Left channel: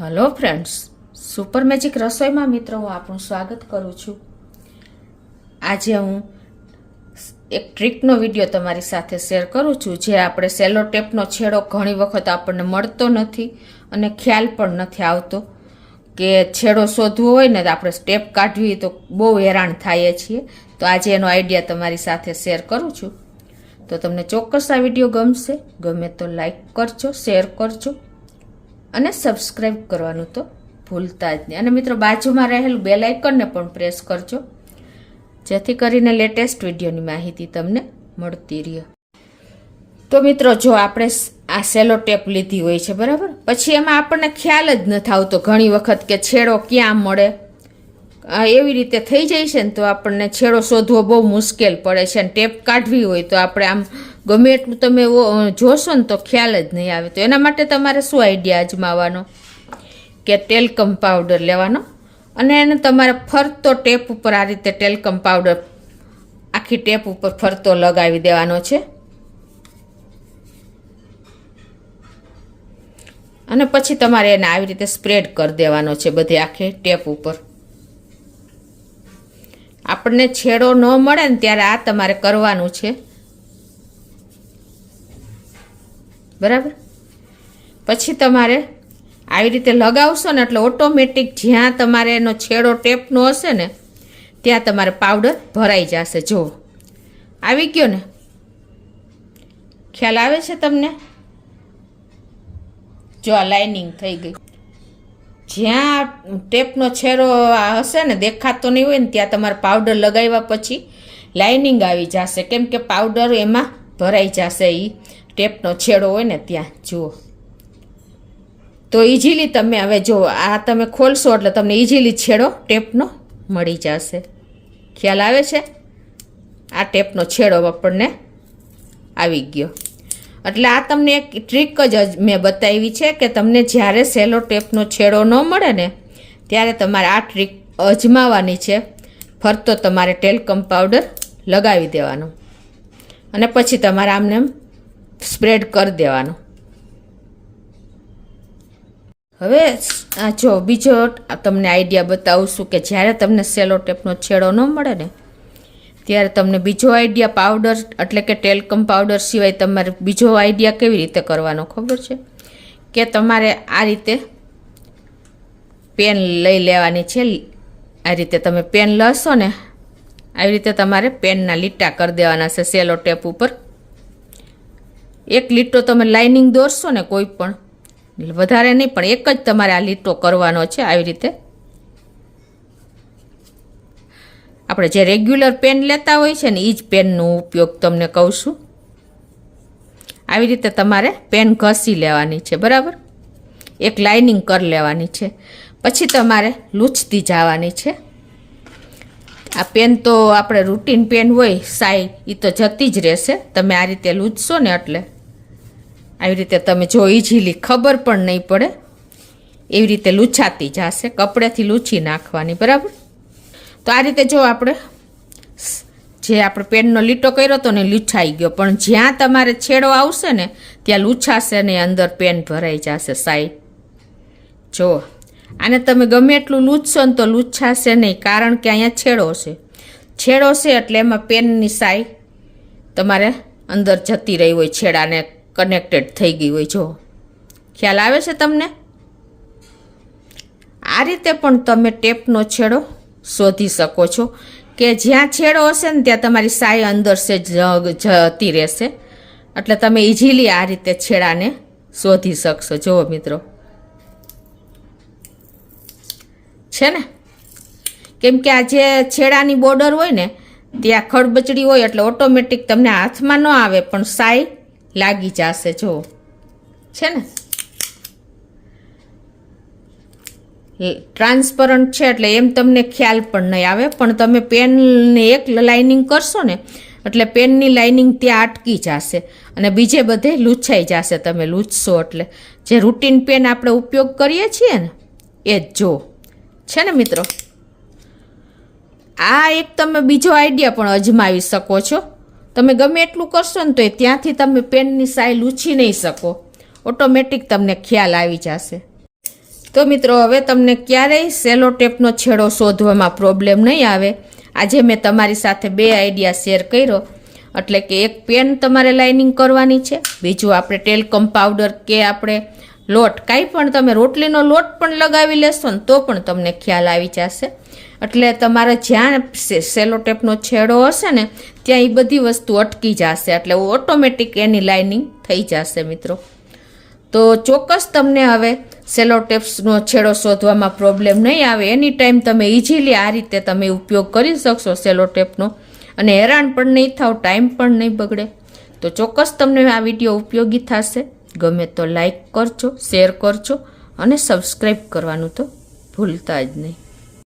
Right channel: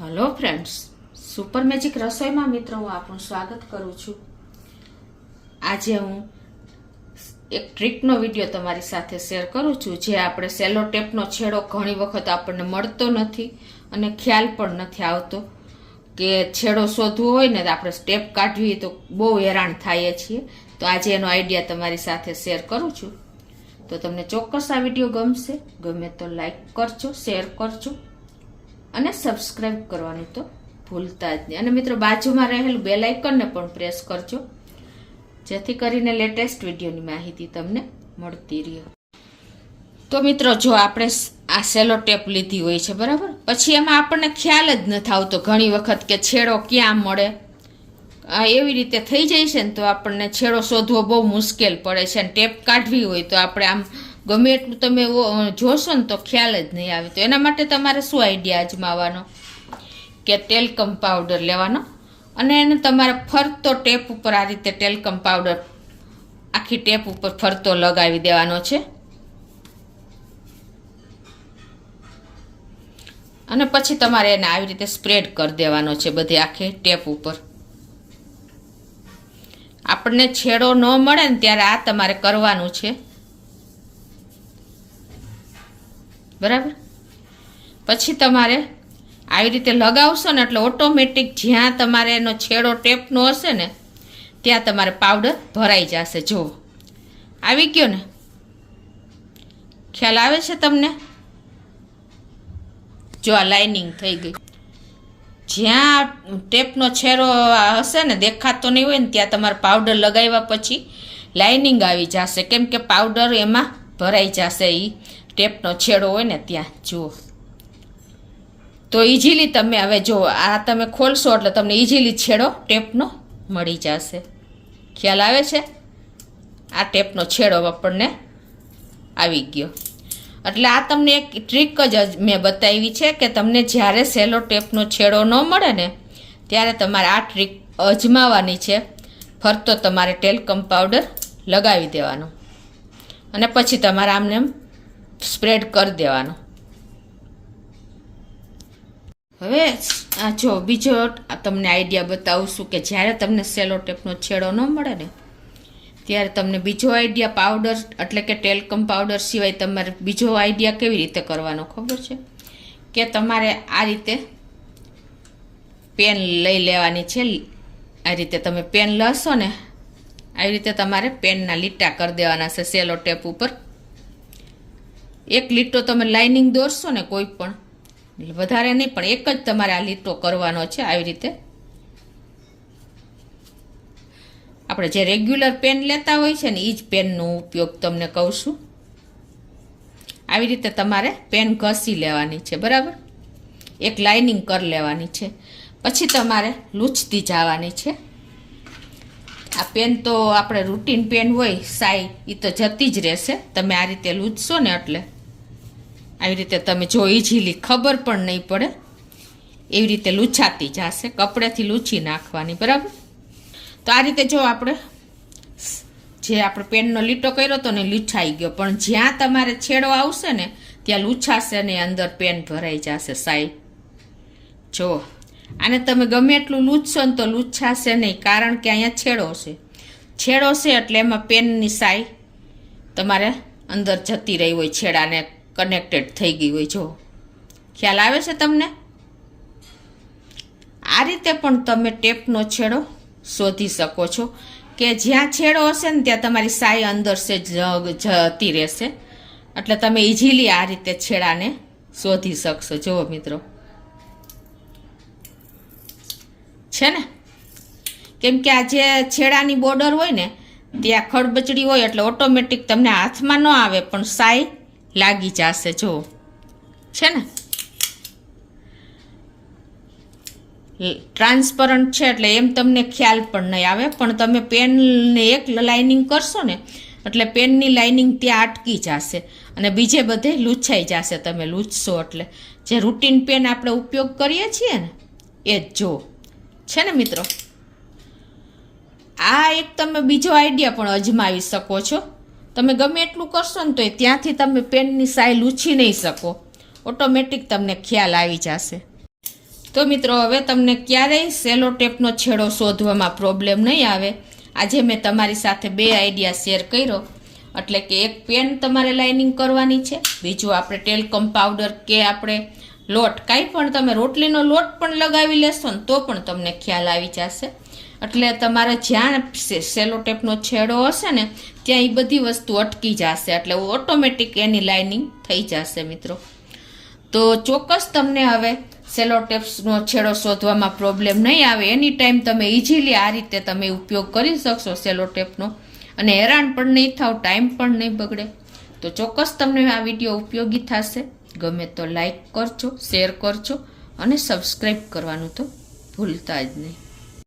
Hello friends, super magic રસોઈમાં મિત્રો હું આપનું સ્વાગત કરું છું. આજે હું એક ટ્રીકનો વિડીયો તમારી સાથે શેર કરું છું. જે આપણે સેલો ટેપનો છેડો ઘણી વખત આપણને મળતો નથી અને ખ્યાલ પણ નથી આવતો કે છેડો શોધવો હોય ને તો આપણે ટેપ કાઢવી તો બહુ હેરાન થઈએ છીએ. તો આજે એનો આઈડિયા તમારી સાથે શેર કરું છું. તો તમને ચોક્કસ આ વિડીયો ગમશે. ગમે તો લાઈક કરજો, શેર કરજો અને સબસ્ક્રાઇબ કરવાનું તો ભૂલતા જ નહીં. અને મિત્રો બાજુમાં રહેલું બેલ આઇકનને પણ પ્રેસ કરજો, જેથી કરીને લેટેસ્ટ વિડીયોની માહિતી તમને મળતી રહે. તો મિત્રો જો આપણે આ સેલો ટેપ લીધી હોય છે બરાબર, પછી એમાં આપણને ખ્યાલ જ નથી આવતો ઘણી વખત કે છેડો ક્યાં મળે. એવી રીતે થઈ જાય છે ને તો આપણને છેડો શોધવો બહુ મુશ્કેલ પડે છે. અને ટેપ કાઢવી હોય તો આપણે આમ ગમે એટલું તમે જોશો ને તો ખ્યાલ જ નહીં આવે. તો એના માટે તમારે શું આઈડિયા અજમાવવાનો કે ટેલ્કમ પાવડર લેવાનો અને એને તમારે ફરતો ટેપ ઉપર આ રીતે ટેલ્કમ પાવડર આખી ટેપ ઉપર ફરતો લગાવી દેવાનો છે. અને પછી તમારે એને આવી રીતે સ્પ્રેડ કરી દેવાનો છે બધી આખી ટેપ ઉપર. આપણને છેડો ન મળે ને ત્યારે આ તમારે કરવાનું છે બરાબર. પછી તમારે આવી રીતે લગાવશો ને એટલે ઓટોમેટિક જ્યાં તમારે એનો છેડો ટેપનો હશે ને ત્યાં તમારે પાવડર ભરાઈ જશે. જો આવી ગયો ને, ખ્યાલ આવે છે તમને? જો આ લાઇનિંગ થઈ ગઈ. જ્યાં ટેપનો છેડો હશે ને દેખાતો નહીં હોય ને ત્યાં તમારે પાવડર લગાવ્યા પછી લાઇનિંગ આવી જશે, કેમ કે પાવડર એમાં ભરાઈ જશે. એ ટેપનો છેડો હોય ને ત્યાં જુઓ તો ઇઝીલી તમે હવે જો આ તમે ખોલશો એટલે તમને ઇઝીલી છેડો ટેપનો મળી જશે. ખ્યાલ આવે છે? આ ટેપનો છેડો આપણને આવી ગયો. એટલે આ તમને એક ટ્રીક જ મેં બતાવી છે કે તમને જ્યારે સેલો ટેપનો છેડો ન મળે ને ત્યારે તમારે આ ટ્રીક અજમાવવાની છે. ફરતો તમારે ટેલ્કમ પાવડર લગાવી દેવાનો અને પછી તમારે આમને સ્પ્રેડ કરી દેવાનો. હવે આ જો બીજો તમને આઈડિયા બતાવું છું કે જ્યારે તમને સેલો ટેપનો છેડો ન મળે ને ત્યારે તમને બીજો આઈડિયા પાવડર એટલે કે ટેલ્કમ પાવડર સિવાય તમારે બીજો આઈડિયા કેવી રીતે કરવાનો ખબર છે? કે તમારે આ રીતે પેન લઈ લેવાની છે. આ રીતે તમે પેન લશો ને આવી રીતે તમારે પેનના લીટા કરી દેવાના છે સેલો ટેપ ઉપર. એક લીટો તમે લાઇનિંગ દોરશો ને કોઈ પણ, વધારે નહીં પણ એક જ તમારે આ લીટો કરવાનો છે. આવી રીતે આપણે જે રેગ્યુલર પેન લેતા હોય છે ને એ જ પેનનો ઉપયોગ તમને કહું છું. આવી રીતે તમારે પેન ઘસી લેવાની છે બરાબર, એક લાઇનિંગ કરી લેવાની છે. પછી તમારે લૂછતી જવાની છે. આ પેન તો આપણે રૂટીન પેન હોય સાઈ એ તો જતી જ રહેશે. તમે આ રીતે લૂછશો ને એટલે આવી રીતે તમે જો ઇઝીલી ખબર પણ નહીં પડે એવી રીતે લૂછાતી જશે. કપડેથી લૂછી નાખવાની બરાબર. તો આ રીતે જો આપણે જે આપણે પેનનો લીટો કર્યો હતો ને લૂછાઈ ગયો, પણ જ્યાં તમારે છેડો આવશે ને ત્યાં લૂછાશે ને અંદર પેન ભરાઈ જશે સાઈ. જો આને તમે ગમે એટલું લૂછશો ને તો લૂછાશે નહીં, કારણ કે અહીંયા છેડો છે. છેડો છે એટલે એમાં પેનની સાઈ તમારે અંદર જતી રહી હોય, છેડાને કનેક્ટેડ થઈ ગઈ હોય. જો ખ્યાલ આવે છે તમને? આ રીતે પણ તમે ટેપનો છેડો શોધી શકો છો કે જ્યાં છેડો હશે ને ત્યાં તમારી સાઈ અંદર છે જતી રહેશે. એટલે તમે ઇઝીલી આ રીતે છેડાને શોધી શકશો. જુઓ મિત્રો, છે ને? કેમ કે આ જે છેડાની બોર્ડર હોય ને ત્યાં ખડબચડી હોય એટલે ઓટોમેટિક તમને હાથમાં ન આવે પણ સાઈ લાગી જશે. જુઓ છે ને, ટ્રાન્સપરન્ટ છે એટલે એમ તમને ખ્યાલ પણ નહીં આવે. પણ તમે પેનને એક લાઇનિંગ કરશો ને એટલે પેનની લાઇનિંગ ત્યાં અટકી જશે અને બીજે બધે લૂછાઈ જશે. તમે લૂછશો એટલે જે રૂટીન પેન આપણે ઉપયોગ કરીએ છીએ ને એ જ. જો છે ને મિત્રો, આ એક તમે બીજો આઈડિયા પણ અજમાવી શકો છો. તમે ગમે એટલું કરશો ને તો ત્યાંથી તમે પેનની સાઈ લૂછી નહીં શકો, ઓટોમેટિક તમને ખ્યાલ આવી જશે. તો મિત્રો હવે તમને ક્યારેય સેલો ટેપનો છેડો શોધવામાં પ્રોબ્લેમ નહીં આવે. આજે મેં તમારી સાથે 2 આઈડિયા શેર કર્યો. એટલે કે એક પેન તમારે લાઇનિંગ કરવાની છે, બીજું આપણે ટેલ્કમ પાવડર કે આપણે લોટ, કાંઈ પણ તમે રોટલીનો લોટ પણ લગાવી લેશો ને તો પણ તમને ખ્યાલ આવી જશે. એટલે તમારે જ્યાં સેલો ટેપનો છેડો હશે ને ત્યાં એ બધી વસ્તુ અટકી જશે, એટલે ઓટોમેટિક એની લાઇનિંગ થઈ જશે મિત્રો. તો ચોક્કસ તમને હવે સેલો ટેપ્સનો છેડો શોધવામાં પ્રોબ્લેમ નહીં આવે. એની ટાઈમ તમે ઇઝીલી આ રીતે તમે ઉપયોગ કરી શકશો સેલો ટેપનો, અને હેરાન પણ નહીં થાવ, ટાઈમ પણ નહીં બગડે. તો ચોક્કસ તમને આ વિડીયો ઉપયોગી થશે. ગમે તો લાઈક કરજો, શેર કરજો અને સબસ્ક્રાઈબ કરવાનું તો ભૂલતા જ નહીં.